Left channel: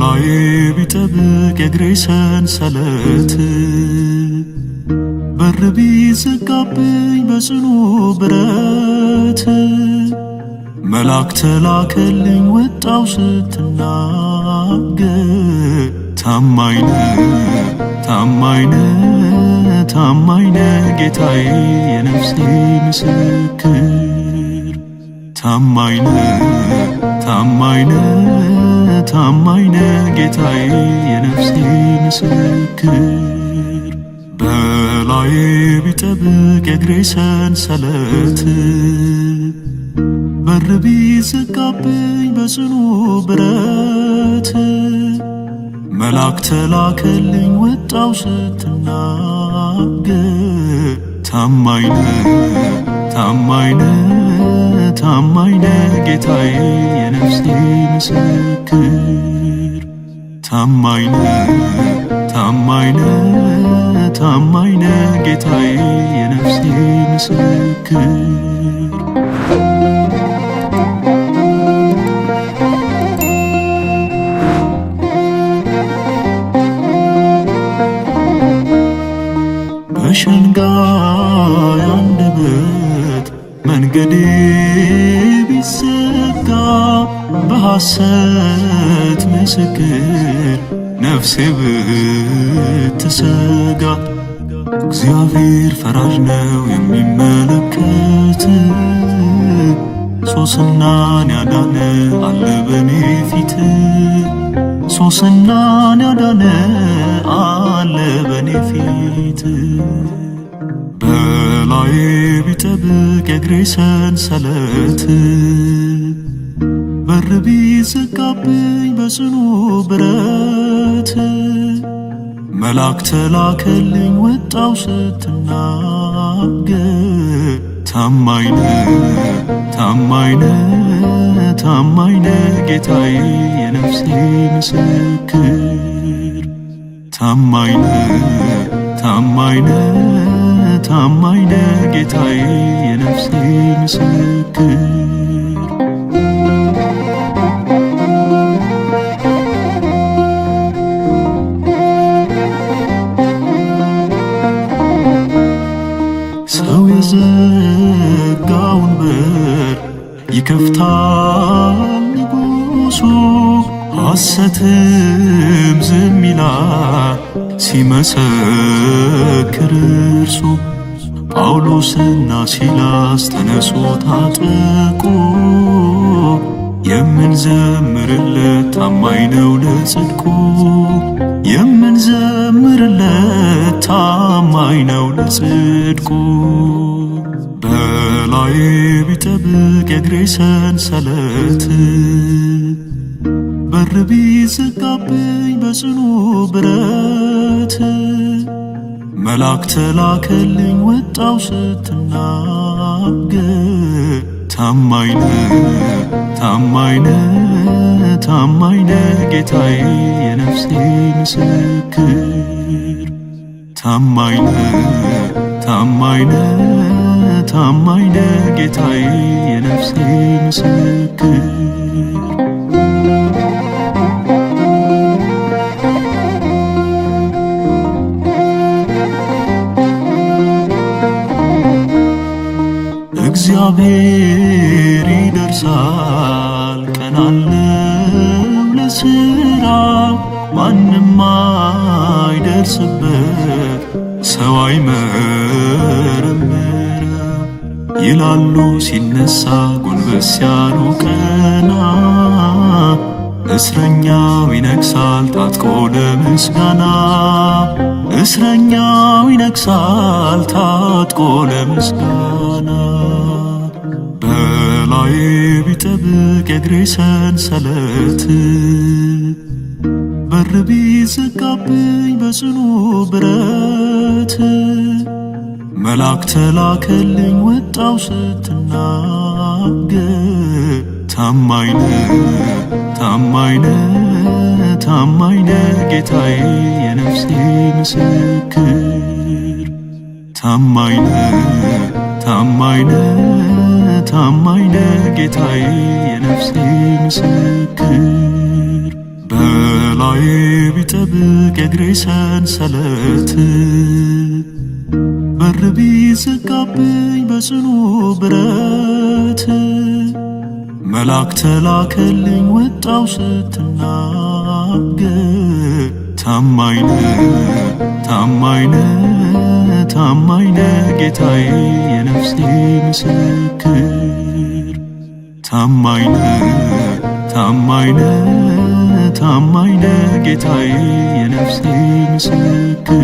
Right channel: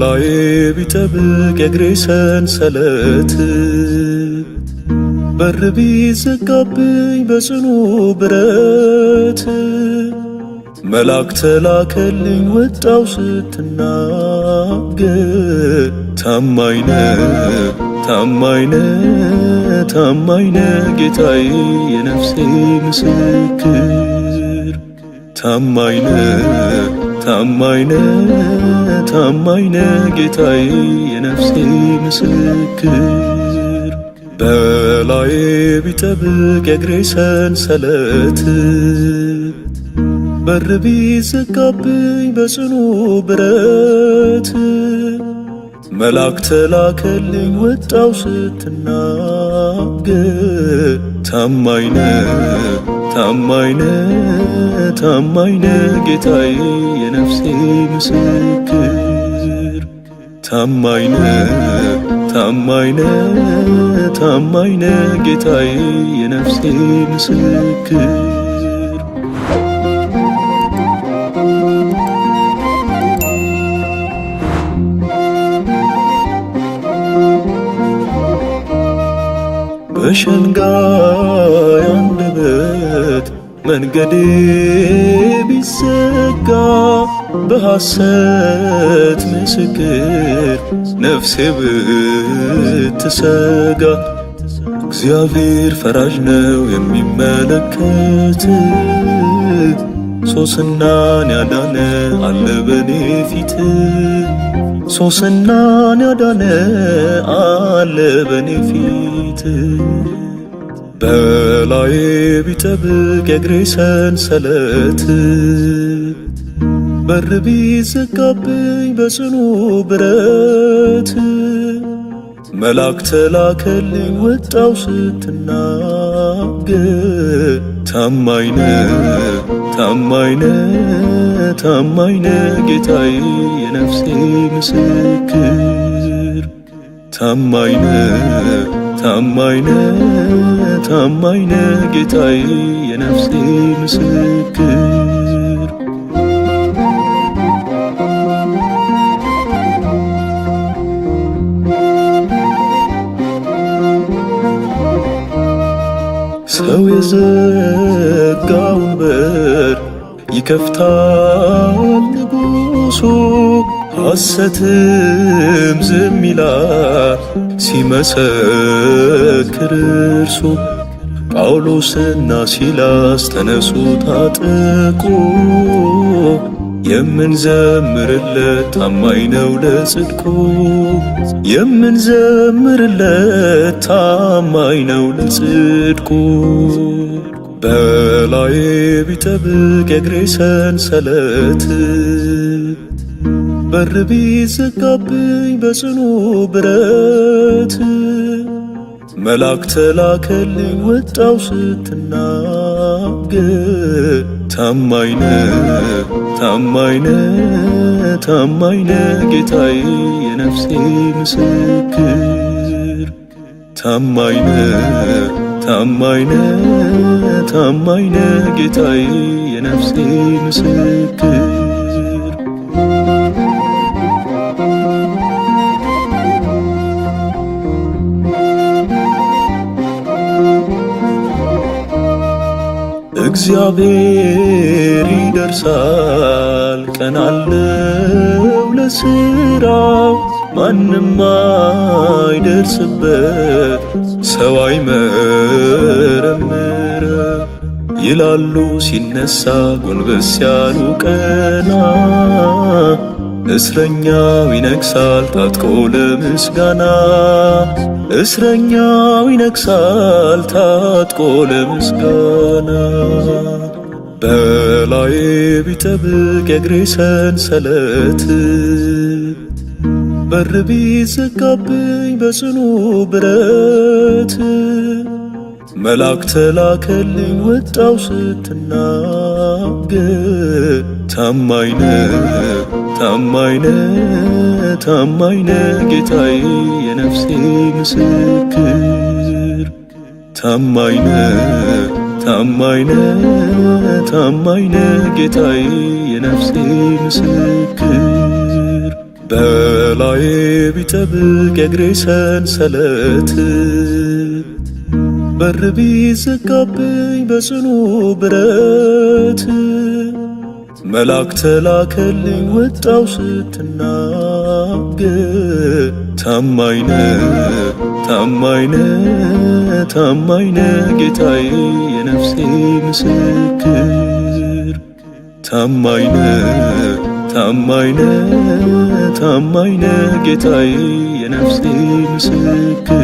በላዬ ቢጠብቅ የእግሬ ሰንሰለት በር ቢዘጋብኝ በጽኑ ብረት መልአክ ተላከልኝ ወጣው ስትናገር ታማኝ ነህ ታማኝ ነህ ታማኝ ነህ ጌታዬ የነፍሴ ምስክር ታማኝ ነህ ታማኝ ነህ ታማኝ ነህ ጌታዬ የነፍሴ ምስክር በላዬ ቢጠብቅ የእግሬ ሰንሰለት በር ቢዘጋብኝ በጽኑ ብረት መልአክ ተላከልኝ ወጣው ስትናገር ታማኝ ነህ ታማኝ ነህ ታማኝ ነህ ጌታዬ የነፍሴ ምስክር ታማኝ ነህ ታማኝ ነህ ታማኝ ነህ ጌታዬ የነፍሴ ምስክር በሸንጋይ አንደበት መንገዴ ቢዘጋ በሐሰት ምስክር ነፍሴ ብትሰጋ እግዚአብሔር ፈራጅ ነው የሚመለከት ሶስናን ያዳነ አለ በኔ ፊት ሶስናን ያዳነ አለ በኔ ፊት በላዬ ቢጠብቅ የእግሬ ሰንሰለት በር ቢዘጋብኝ በጽኑ ብረት መልአክ ተላከልኝ ወጣው ስትናገር ታማኝ ነህ ታማኝ ነህ ታማኝ ነህ ጌታዬ የነፍሴ ምስክር ታማኝ ነህ ታማኝ ነህ ታማኝ ነህ ጌታዬ የነፍሴ ምስክር ሰው የዘጋውን በር ይከፍታል ንጉሡ ሐሰትም ዝም ይላል ሲመሰክር እርሱ ጳውሎስና ሲላስ ተነሱ ታጠቁ የምንዘምርለት ታማኝ ነው ለጽድቁ የምንዘምርለት ታማኝ ነው ለጽድቁ በላዬ ቢጠብቅ የእግሬ ሰንሰለት በር ቢዘጋብኝ በጽኑ ብረት መልአክ ተላከልኝ ወጣው ስትናገር ታማኝ ነህ ታማኝ ነህ ታማኝ ነህ ጌታዬ የነፍሴ ምስክር ታማኝ ነህ ታማኝ ነህ ታማኝ ነህ ጌታዬ የነፍሴ ምስክር እግዚአብሔር ይደርሳል ቀን አለው ለሥራው ማንም አይደርስበት ሰው አይመረምረው ይላሉ ሲነሳ ጎንበስ ያሉ ቀና እስረኛው ይነግሣል ታጥቆ ለምስጋና እስረኛው ይነግሣል ታጥቆ ለምስጋና በላዬ ቢጠብቅ የእግሬ ሰንሰለት በር ቢዘጋብኝ በጽኑ ብረት መልአክ ተላከልኝ ወጣው ስትናገር ታማኝ ነህ ታማኝ ነህ ታማኝ ነህ ጌታዬ የነፍሴ ምስክር ታማኝ ነህ ታማኝ ነህ ታማኝ ነህ ጌታዬ የነፍሴ ምስክር ከላዬ ቢጠብቅ የእግሬ ሰንሰለት በር ቢዘጋብኝ በጽኑ ብረት መልአክ ተላከልኝ ወጣው ስትናገር ታማኝነ ታማኝነ ታማኝነ ጌታዬ የነፍሴ ምስክር ታማኝነ ታማኝነ ታማኝነ ጌታዬ የነፍሴ ምስክር